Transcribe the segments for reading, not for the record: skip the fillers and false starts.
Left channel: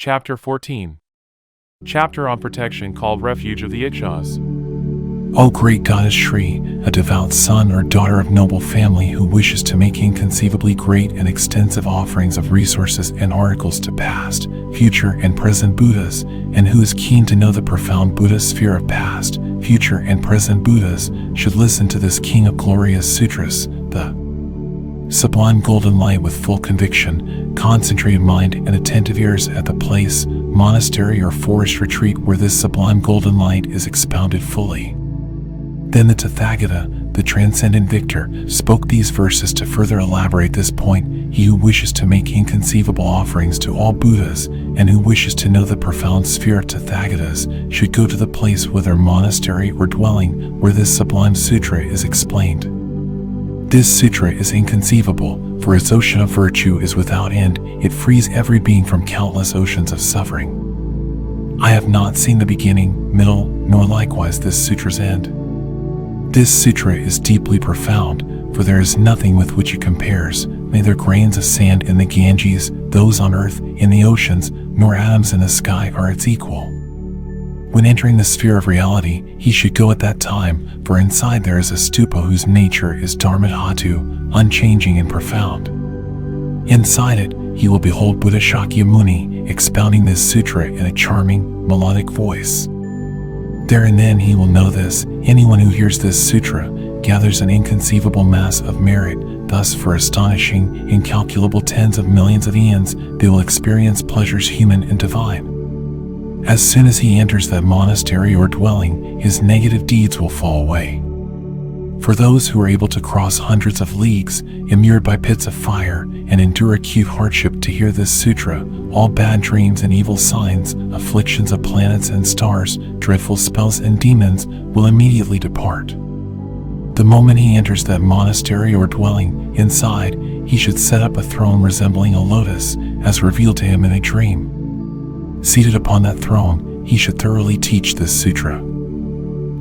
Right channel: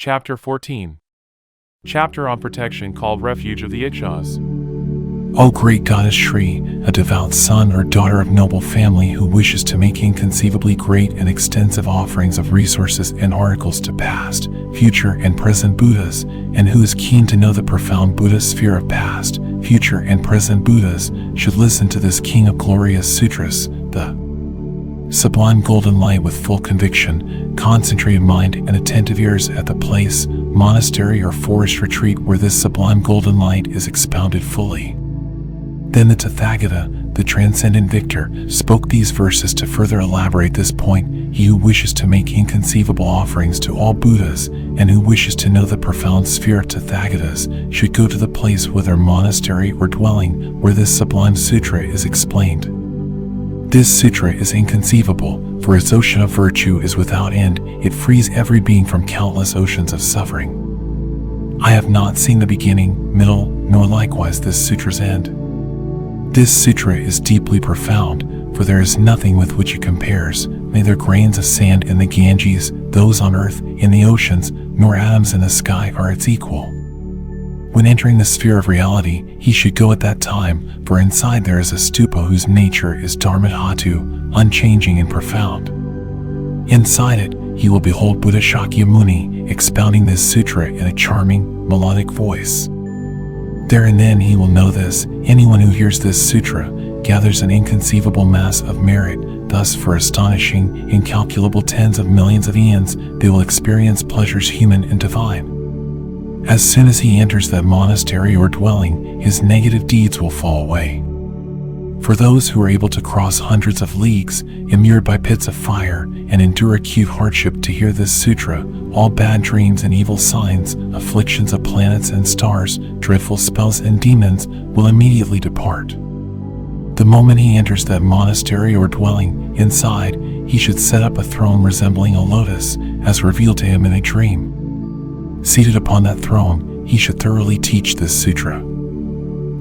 Chapter 14. Chapter on protection called Refuge of the Yakshas. O great goddess Shri, a devout son or daughter of noble family who wishes to make inconceivably great and extensive offerings of resources and articles to past, future, and present Buddhas, and who is keen to know the profound Buddhist sphere of past, future, and present Buddhas, should listen to this King of Glorious Sutras, the sublime golden light with full conviction, concentrated mind, and attentive ears at the place, monastery, or forest retreat where this sublime golden light is expounded fully. Then the Tathagata, the transcendent victor, spoke these verses to further elaborate this point. He who wishes to make inconceivable offerings to all Buddhas, and who wishes to know the profound sphere of Tathagatas, should go to the place, whether monastery or dwelling, where this sublime sutra is explained. This sutra is inconceivable, for its ocean of virtue is without end. It frees every being from countless oceans of suffering. I have not seen the beginning, middle, nor likewise this sutra's end. This sutra is deeply profound, for there is nothing with which it compares, neither grains of sand in the Ganges, those on earth, in the oceans, nor atoms in the sky are its equal. When entering the sphere of reality, he should go at that time, for inside there is a stupa whose nature is Dharmadhatu, unchanging and profound. Inside it, he will behold Buddha Shakyamuni expounding this sutra in a charming, melodic voice. There and then he will know this: anyone who hears this sutra gathers an inconceivable mass of merit. Thus, for astonishing, incalculable tens of millions of eons, they will experience pleasures human and divine. As soon as he enters that monastery or dwelling, his negative deeds will fall away. For those who are able to cross hundreds of leagues, immured by pits of fire, and endure acute hardship to hear this sutra, all bad dreams and evil signs, afflictions of planets and stars, dreadful spells and demons will immediately depart. The moment he enters that monastery or dwelling, inside, he should set up a throne resembling a lotus, as revealed to him in a dream. Seated upon that throne, he should thoroughly teach this sutra.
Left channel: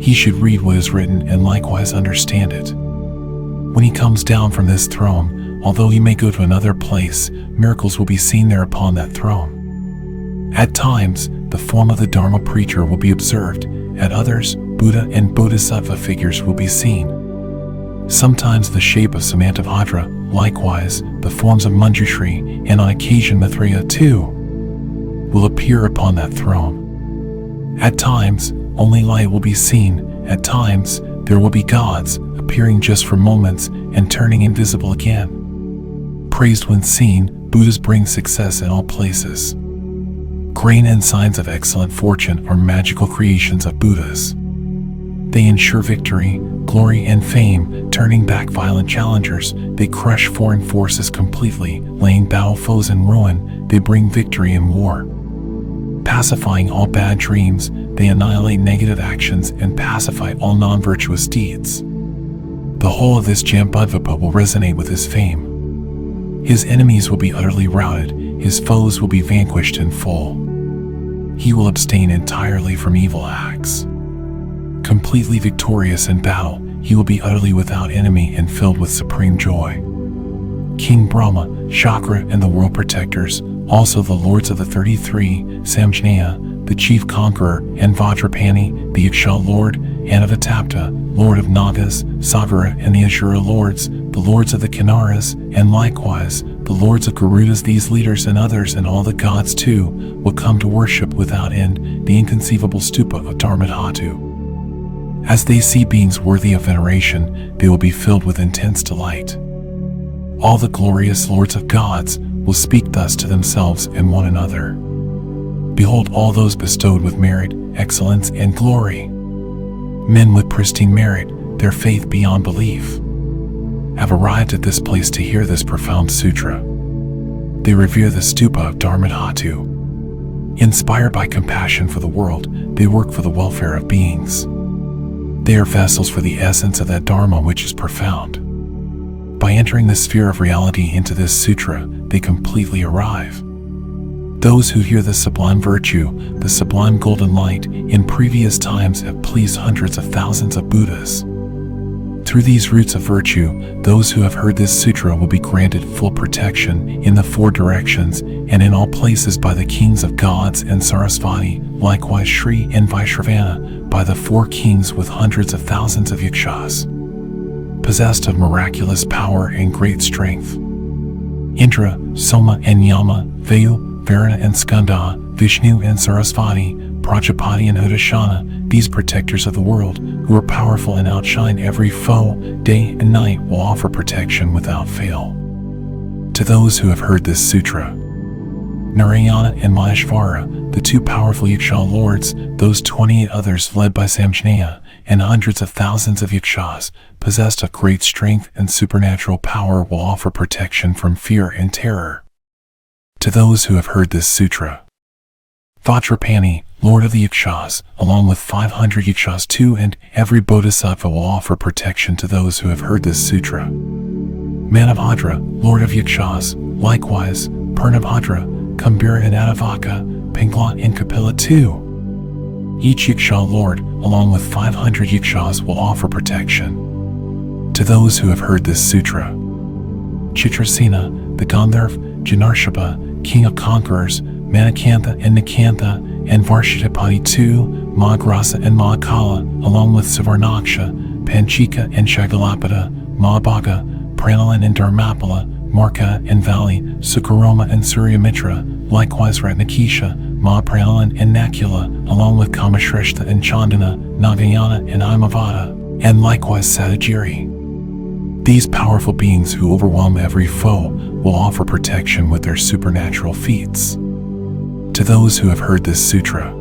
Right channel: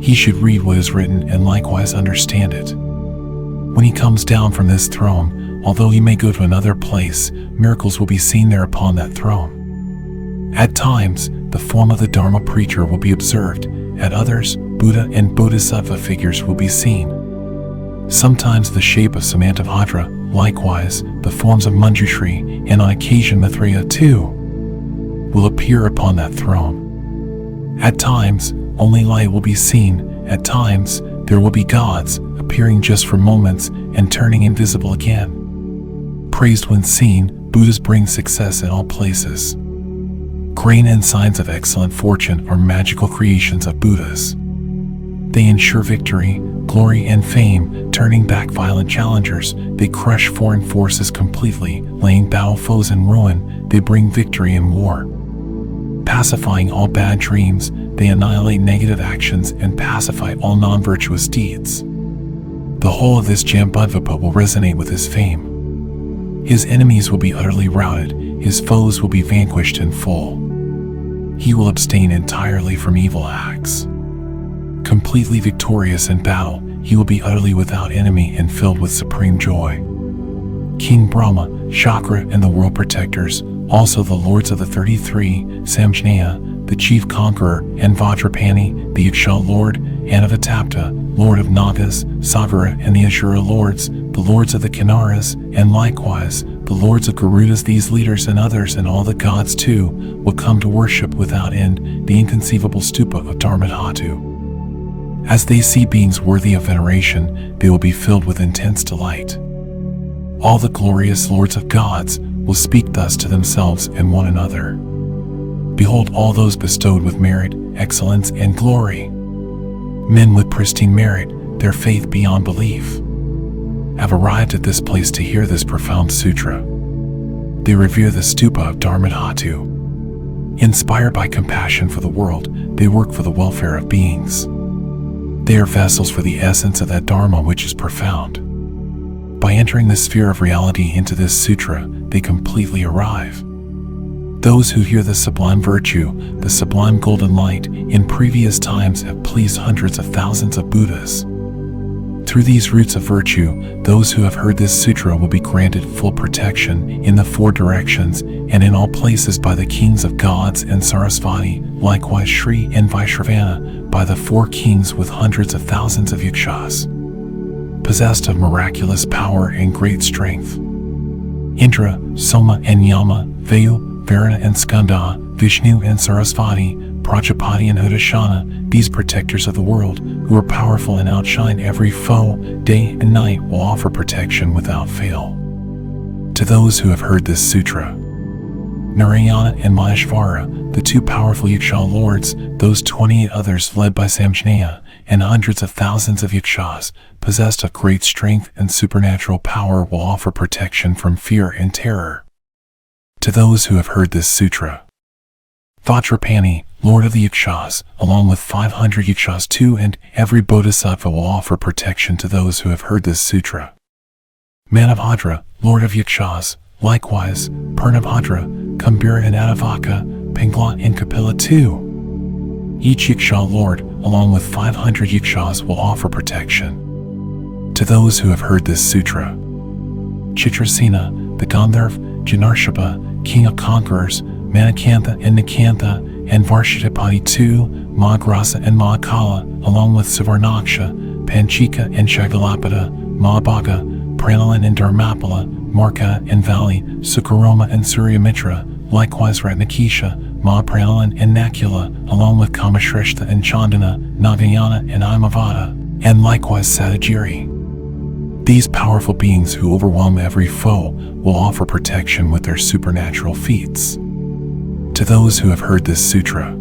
He should read what is written and likewise understand it. When he comes down from this throne, although he may go to another place, miracles will be seen there upon that throne. At times, the form of the Dharma preacher will be observed. At others, Buddha and Bodhisattva figures will be seen. Sometimes the shape of Samantabhadra, likewise, the forms of Manjushri, and on occasion Maitreya too, will appear upon that throne. At times, only light will be seen. At times, there will be gods, appearing just for moments and turning invisible again. Praised when seen, Buddhas bring success in all places. Grain and signs of excellent fortune are magical creations of Buddhas. They ensure victory, glory, and fame, turning back violent challengers. They crush foreign forces completely, laying battle foes in ruin. They bring victory in war. Pacifying all bad dreams, they annihilate negative actions and pacify all non-virtuous deeds. The whole of this Jambudvipa will resonate with his fame. His enemies will be utterly routed, his foes will be vanquished in full. He will abstain entirely from evil acts. Completely victorious in battle, he will be utterly without enemy and filled with supreme joy. King Brahma, Chakra, and the world protectors, also the lords of the 33, Samjnaya, the chief conqueror, and Vajrapani, the Yaksha lord, Anavatapta, lord of Nagas, Sagara, and the Asura lords, the lords of the Kinnaras, and likewise, the lords of Garudas. These leaders and others, and all the gods too, will come to worship without end the inconceivable stupa of Dharmadhatu. As they see beings worthy of veneration, they will be filled with intense delight. All the glorious lords of gods will speak thus to themselves and one another. Behold, all those bestowed with merit, excellence, and glory, men with pristine merit, their faith beyond belief, have arrived at this place to hear this profound sutra. They revere the stupa of Dharmadhatu. Inspired by compassion for the world, they work for the welfare of beings. They are vessels for the essence of that Dharma which is profound. By entering the sphere of reality into this sutra, they completely arrive. Those who hear this sublime virtue, the sublime golden light, in previous times have pleased hundreds of thousands of Buddhas. Through these roots of virtue, those who have heard this sutra will be granted full protection in the four directions and in all places by the kings of gods and Sarasvati, likewise Shri and Vaishravana, by the four kings with hundreds of thousands of Yakshas, possessed of miraculous power and great strength. Indra, Soma and Yama, Vayu, Varuna and Skanda, Vishnu and Sarasvati, Prajapati and Udashana, these protectors of the world, who are powerful and outshine every foe, day and night, will offer protection without fail to those who have heard this sutra. Narayana and Maheshvara, the two powerful Yaksha lords, those 28 others led by Samjnaya, and hundreds of thousands of Yakshas, possessed of great strength and supernatural power, will offer protection from fear and terror to those who have heard this sutra. Vajrapani, Lord of the Yakshas, along with 500 Yakshas too, and every Bodhisattva will offer protection to those who have heard this sutra. Manabhadra, Lord of Yakshas, likewise, Purnabhadra, Kambira and Adavaka, Pingla and Kapila too. Each Yaksha Lord, along with 500 Yakshas, will offer protection to those who have heard this sutra. Chitrasena, the Gandharv, Janarshapa, King of Conquerors, Manakantha and Nikantha, and Varshitapati too, Mahagrasa and Mahakala, along with Savarnaksha, Panchika and Shagalapada, Mahabhaga, Pranalan and Dharmapala, Marka and Vali, Sukaroma and Suryamitra, likewise Ratnakisha, Mahapranalan and Nakula, along with Kamashreshta and Chandana, Nagayana and Imavada, and likewise Satyajiri. These powerful beings who overwhelm every foe will offer protection with their supernatural feats to those who have heard this sutra.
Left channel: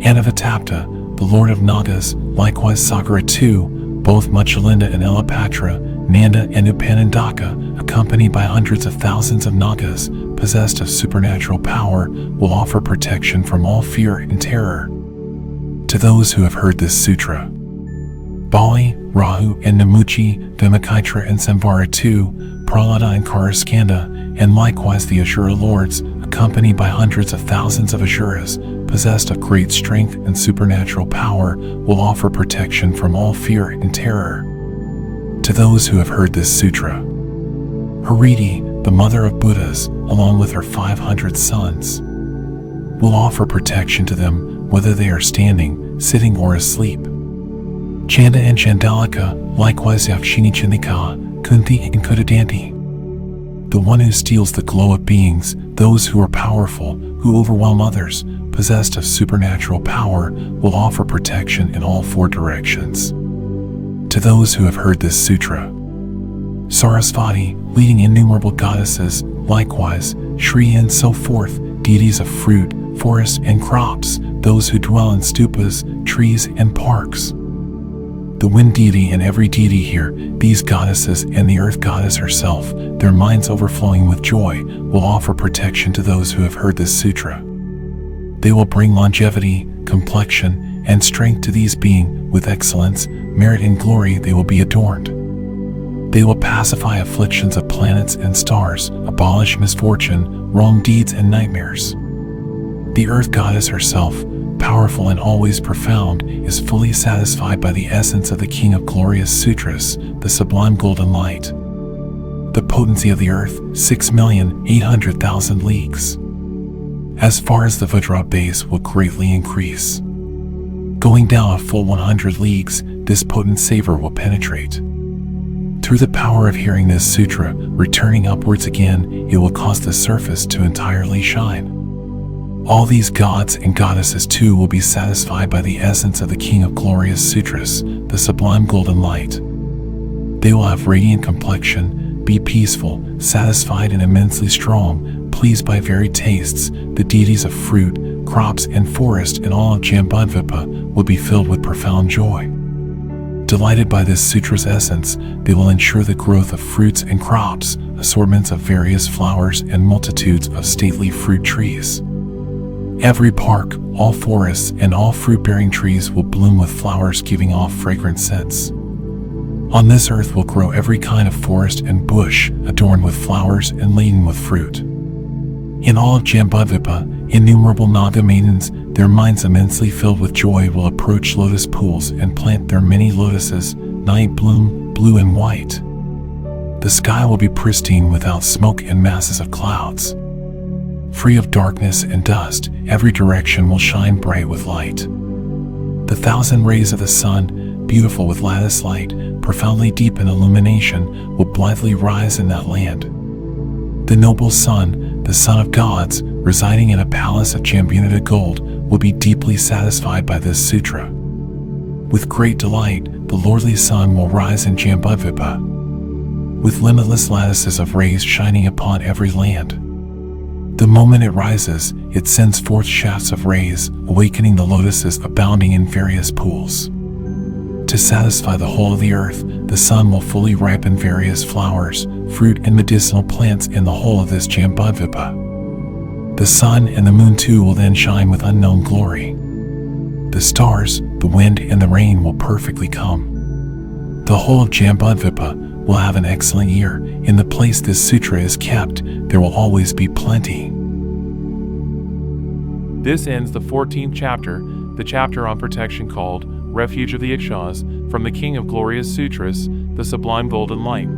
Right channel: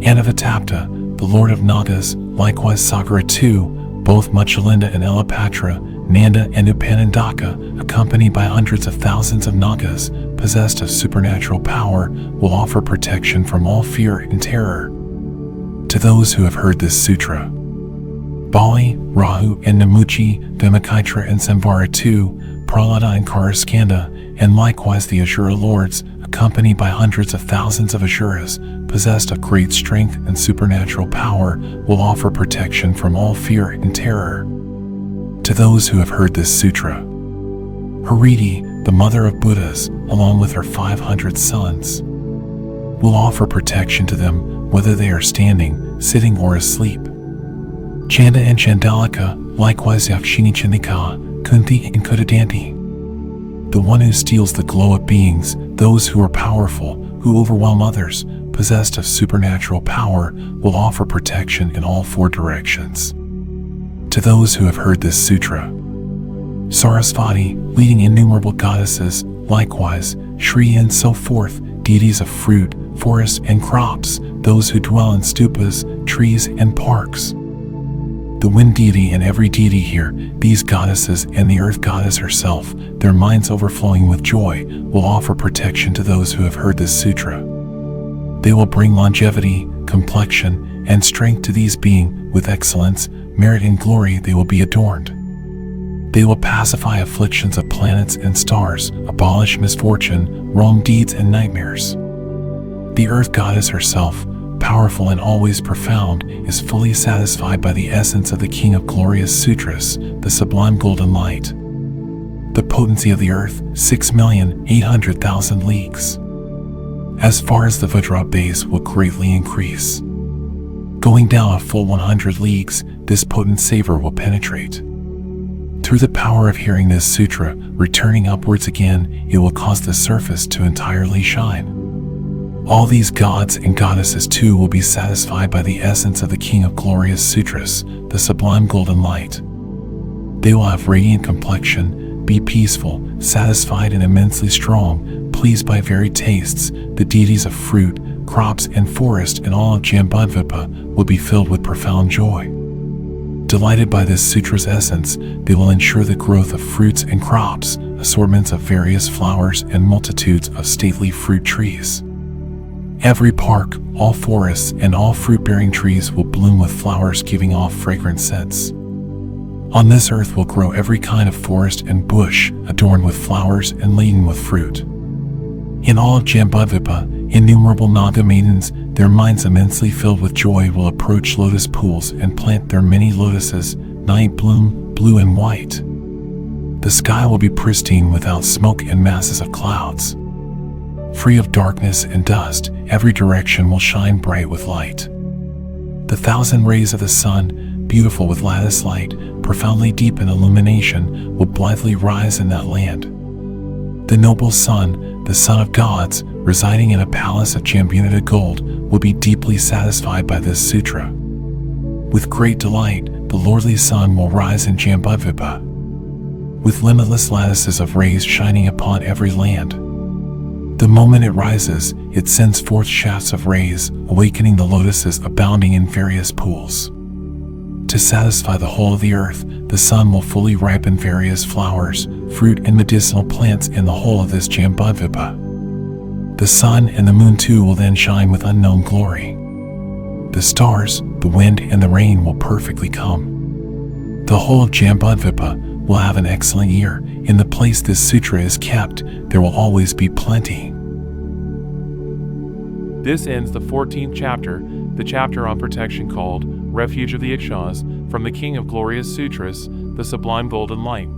Anavatapta, the Lord of Nagas, likewise Sakara too, both Muchalinda and Elapatra, Nanda and Upanandaka, accompanied by hundreds of thousands of Nagas, possessed of supernatural power, will offer protection from all fear and terror to those who have heard this sutra. Bali, Rahu and Namuchi, Vimakaitra and Samvara too, Prahlada and Karaskanda, and likewise the Asura lords, accompanied by hundreds of thousands of Asuras, possessed of great strength and supernatural power, will offer protection from all fear and terror to those who have heard this sutra. Hariti, the mother of Buddhas, along with her 500 sons, will offer protection to them whether they are standing, sitting, or asleep. Chanda and Chandalika, likewise Yakshini Chandika, Kunti and Kudadanti. The one who steals the glow of beings, those who are powerful, who overwhelm others, possessed of supernatural power, will offer protection in all four directions to those who have heard this sutra. Sarasvati, leading innumerable goddesses, likewise Shri and so forth, deities of fruit, forests and crops, those who dwell in stupas, trees and parks. The wind deity and every deity here, these goddesses and the earth goddess herself, their minds overflowing with joy, will offer protection to those who have heard this sutra. They will bring longevity, complexion, and strength to these beings. With excellence, merit and glory they will be adorned. They will pacify afflictions of planets and stars, abolish misfortune, wrong deeds and nightmares. The earth goddess herself, powerful and always profound, is fully satisfied by the essence of the King of Glorious Sutras, the sublime golden light. The potency of the earth, 6,800,000 leagues. As far as the Vajra base will greatly increase. Going down a full 100 leagues, this potent savor will penetrate. Through the power of hearing this sutra, returning upwards again, it will cause the surface to entirely shine. All these gods and goddesses too will be satisfied by the essence of the King of Glorious Sutras, the sublime golden light. They will have radiant complexion, be peaceful, satisfied and immensely strong, pleased by varied tastes. The deities of fruit, crops and forest and all of Jambudvipa will be filled with profound joy. Delighted by this sutra's essence, they will ensure the growth of fruits and crops, assortments of various flowers and multitudes of stately fruit trees. Every park, all forests, and all fruit-bearing trees will bloom with flowers giving off fragrant scents. On this earth will grow every kind of forest and bush, adorned with flowers and laden with fruit. In all of Jambudvipa, innumerable Naga maidens, their minds immensely filled with joy, will approach lotus pools and plant their many lotuses, night bloom, blue and white. The sky will be pristine without smoke and masses of clouds. Free of darkness and dust, every direction will shine bright with light. The 1,000 rays of the sun, beautiful with lattice light, profoundly deep in illumination, will blithely rise in that land. The noble sun, the son of gods, residing in a palace of championated gold, will be deeply satisfied by this sutra. With great delight, the lordly sun will rise in Jambudvipa, with limitless lattices of rays shining upon every land. The moment it rises, it sends forth shafts of rays, awakening the lotuses abounding in various pools. To satisfy the whole of the earth, the sun will fully ripen various flowers, fruit, and medicinal plants in the whole of this Jambudvipa. The sun and the moon too will then shine with unknown glory. The stars, the wind, and the rain will perfectly come. The whole of Jambudvipa will have an excellent year. In the place this sutra is kept, there will always be plenty. This ends the 14th chapter, the chapter on protection called Refuge of the Yakshas, from the King of Glorious Sutras, the Sublime Golden Light.